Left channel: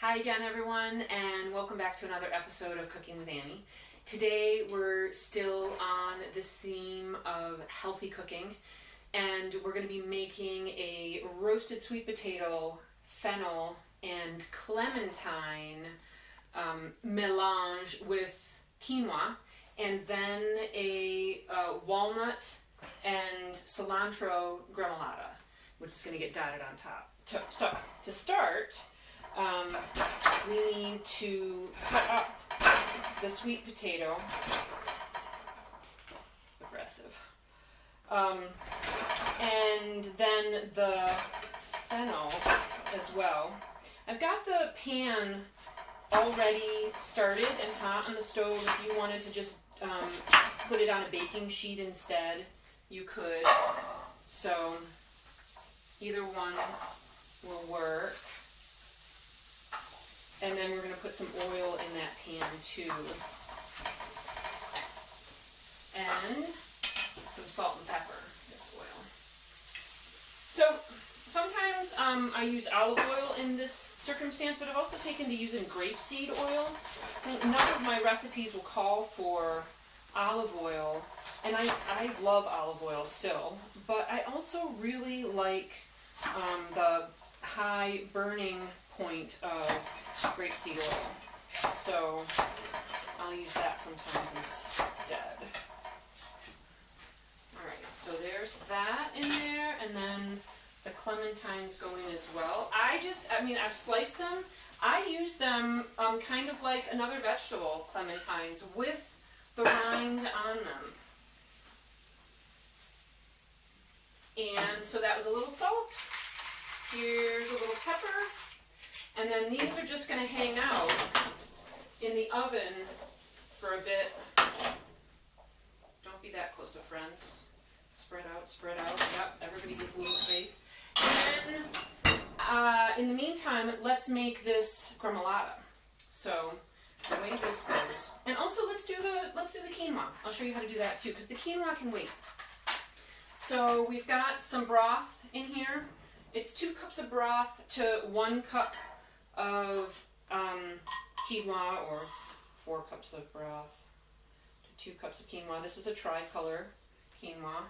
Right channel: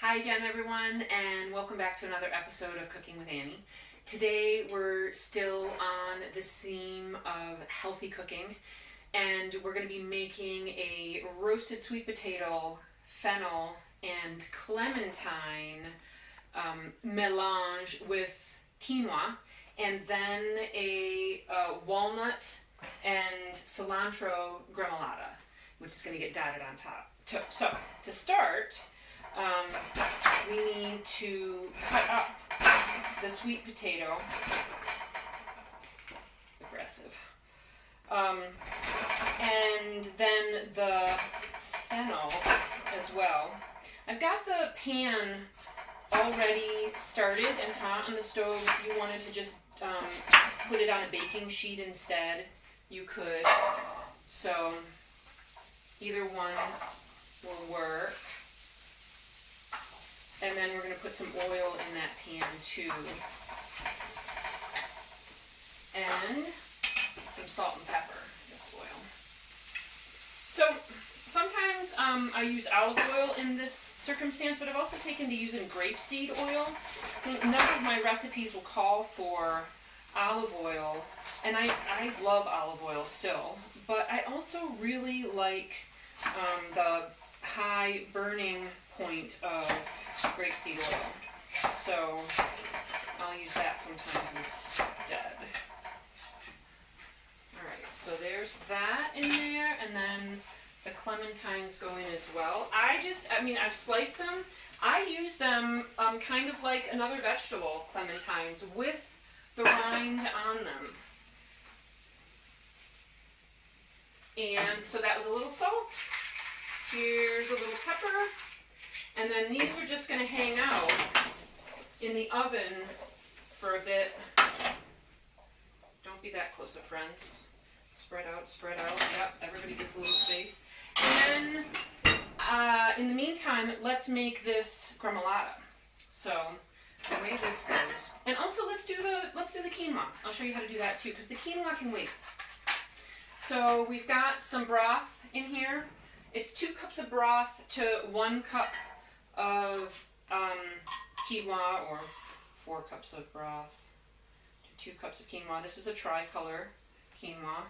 Hi again, everyone, and welcome back to another episode of Cooking with Annie. Today we're still on this theme of healthy cooking, and we're going to be making a roasted sweet potato, fennel, and clementine melange with quinoa, and then a walnut and cilantro gremolata, which is going to get dotted on top. So to start, we need to cut up the sweet potato, aggressive, and then the fennel as well. I've got the pan already started and hot on the stove. If you wanted to just put it on a baking sheet instead, you could. So either one will work. And then we're going to put some oil in that pan too. And some salt and pepper, this oil. So sometimes I use olive oil in this circumstance, but I've also taken to using grapeseed oil. A number of my recipes will call for olive oil, and I love olive oil still, but I also really like the high burning point of grapeseed oil, so I'll use that sometimes instead. Alright, so there's that in there, and then the clementines go in as well. I've sliced them. I use them kind of like another vegetable, clementines, with the rind on them. And so that was a little salt. Here's a little pepper. And then these are just going to hang out in the oven for a bit. Don't be that close of friends. Spread out, spread out. Yep, everybody gets a little space. And in the meantime, let's make this gremolata. So the way this goes, and also let's do the quinoa. I'll show you how to do that too, because the quinoa can wait. So we've got some broth in here. It's 2 cups of broth to 1 cup of quinoa, or 4 cups of broth to 2 cups of quinoa. This is a tricolor quinoa,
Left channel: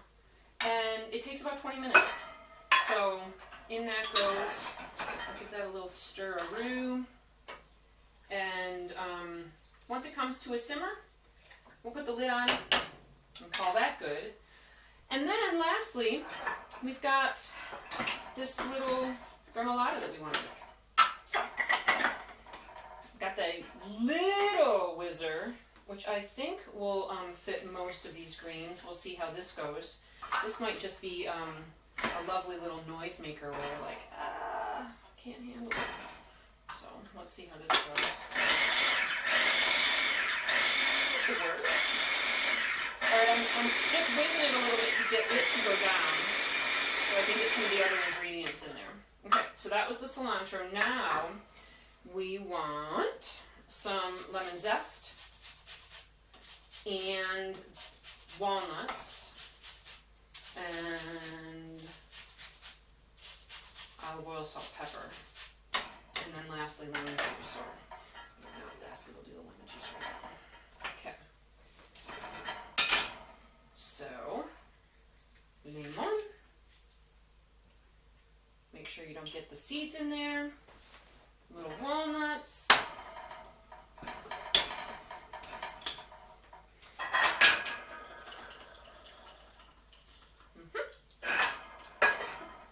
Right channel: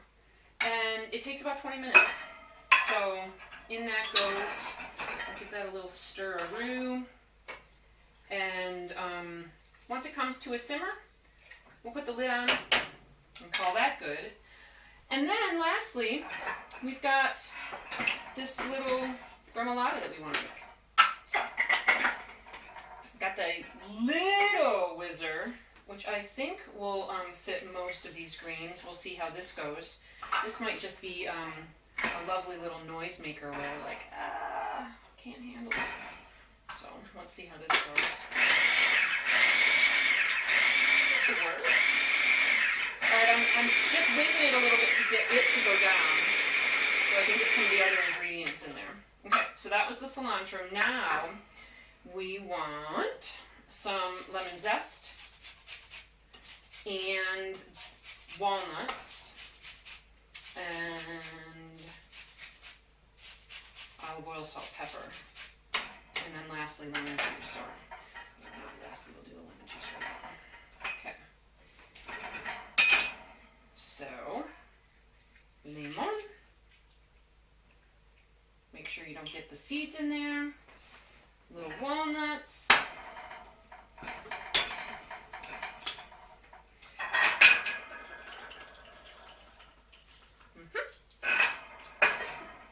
and it takes about 20 minutes. So in that goes, I'll give that a little stir-a-roo, and once it comes to a simmer, we'll put the lid on and call that good. And then lastly, we've got this little gremolata that we want to make. So, got the little whizzer, which I think will fit most of these greens. We'll see how this goes. This might just be a lovely little noisemaker where we're like, can't handle it. So, let's see how this goes. This could work. Alright, I'm just whizzing it a little bit to get it to go down, so I can get some of the other ingredients in there. Okay, so that was the cilantro. Now we want some lemon zest and walnuts and olive oil, salt, pepper, and then lastly lemon juice. Or lastly we'll do the lemon juice for that one. Okay. So, lemon. Make sure you don't get the seeds in there. Little walnuts.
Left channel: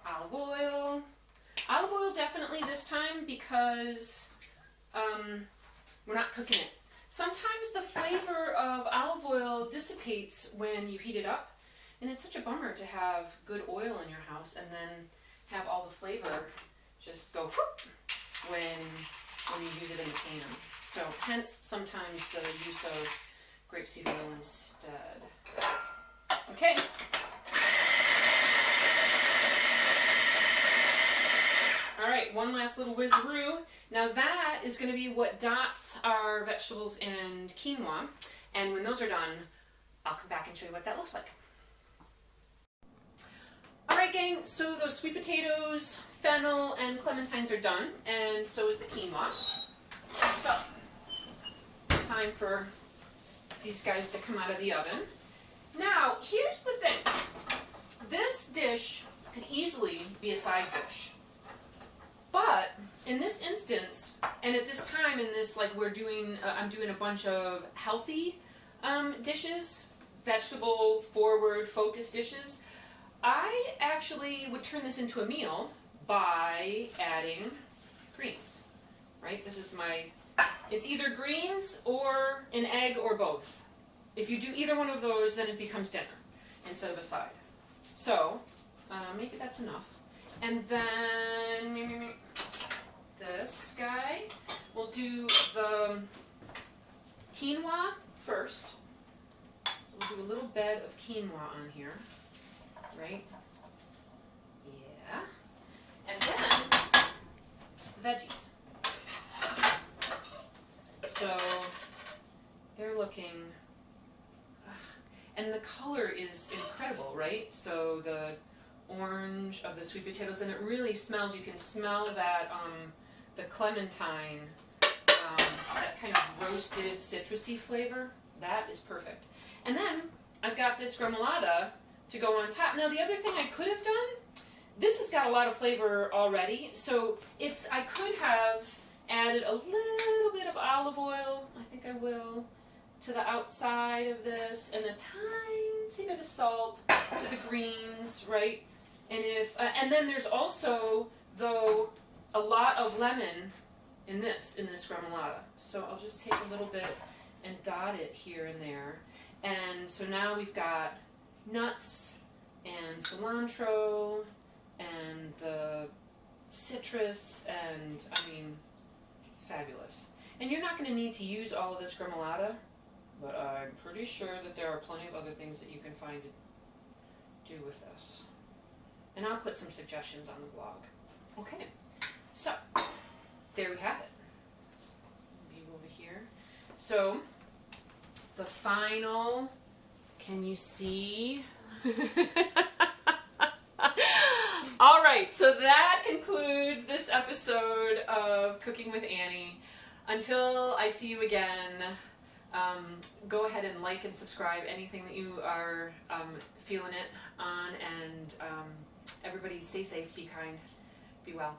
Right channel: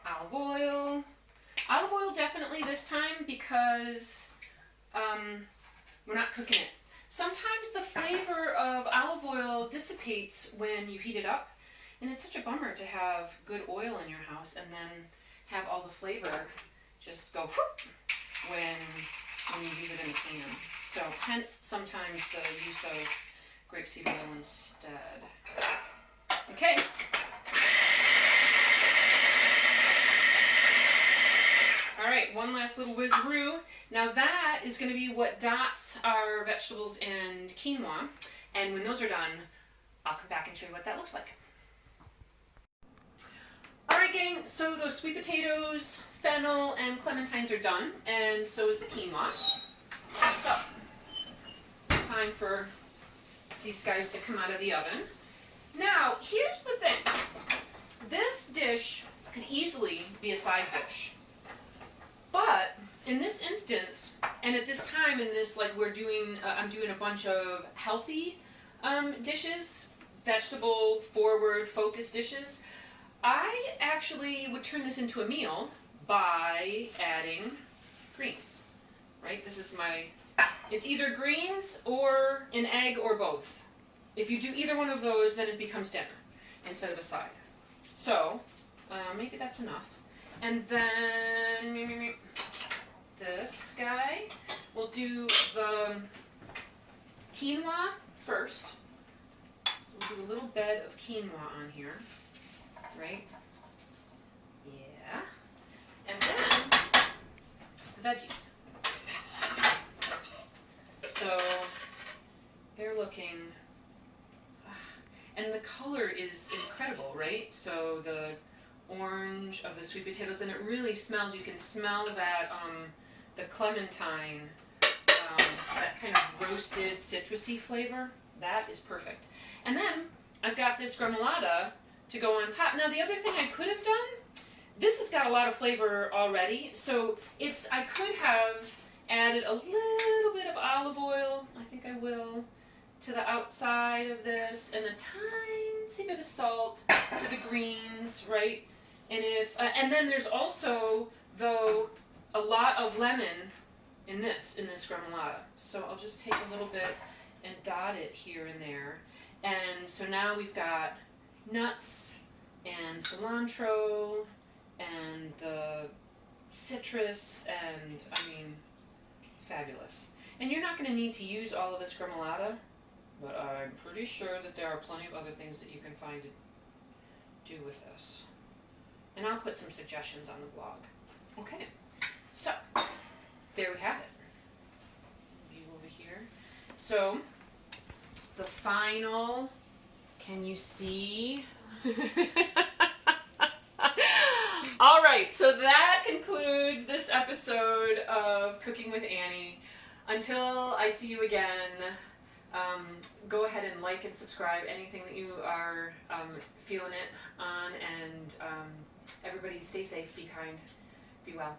Olive oil. Olive oil definitely this time because we're not cooking it. Sometimes the flavor of olive oil dissipates when you heat it up, and it's such a bummer to have good oil in your house and then have all the flavor just go whoop when you use it in a can. So hence sometimes the use of grapeseed oil instead. Okay. All right, one last little whizaroo. Now that is going to be what dots our vegetables and quinoa. And when those are done, I'll come back and show you what that looks like. All Alright gang, so those sweet potatoes, fennel, and clementines are done, and so is the quinoa. So, time for these guys to come out of the oven. Now, here's the thing. This dish could easily be a side dish. But, in this instance, and at this time in this, like we're doing, I'm doing a bunch of healthy dishes, vegetable forward focused dishes, I actually would turn this into a meal by adding greens, right? This is it's either greens or an egg or both. If you do either one of those, then it becomes dinner instead of a side. So, maybe that's enough. And then, this guy, we'll do the quinoa first. We'll do a little bed of quinoa on here. Right? Yeah. And then the veggies. So they're looking, and the color is incredible, right? So the orange of the sweet potatoes, and it really smells. You can smell that the clementine, that kind of roasted citrusy flavor. That is perfect. And then I've got this gremolata to go on top. Now the other thing I could have done, this has got a lot of flavor already, so I could have added a little bit of olive oil, I think I will, to the outside of this, and a tiny bit of salt to the greens, right? And then there's also, though, a lot of lemon in this gremolata. So I'll just take a little bit and dot it here and there. And so now we've got nuts and cilantro and the citrus, and I mean, fabulous. And you're not going to need to use all of this gremolata, but I'm pretty sure that there are plenty of other things that you can find to do with this. And I'll put some suggestions on the blog. Okay, so there we have it. View over here. So the final, can you see? All right, so that concludes this episode of Cooking with Annie. Until I see you again, go ahead and like and subscribe, anything that you are feeling it on, and everybody stay safe, be kind, be well.